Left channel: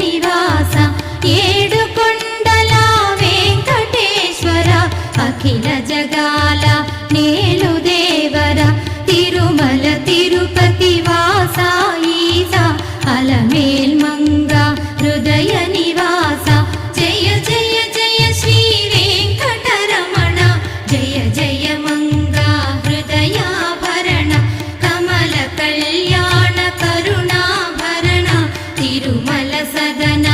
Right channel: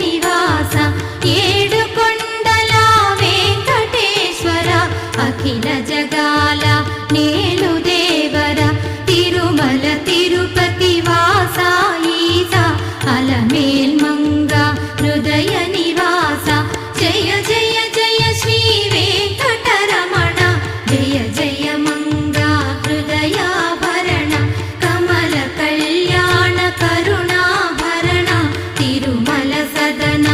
నివాస ఏడుకొండల వెంకటేశ్వర అఖిల జగాల నేలు దేవర తిరుమల తిరుపతి వాస ఈస అలమేల్మంగ హృదయ నివాస జయ జయ జయ శ్రీ వెంకటరమణ జయ జయ మంగ హృదయాభరణ కమల కళ్యాణ కరుణాభరణ తిరుమల సదన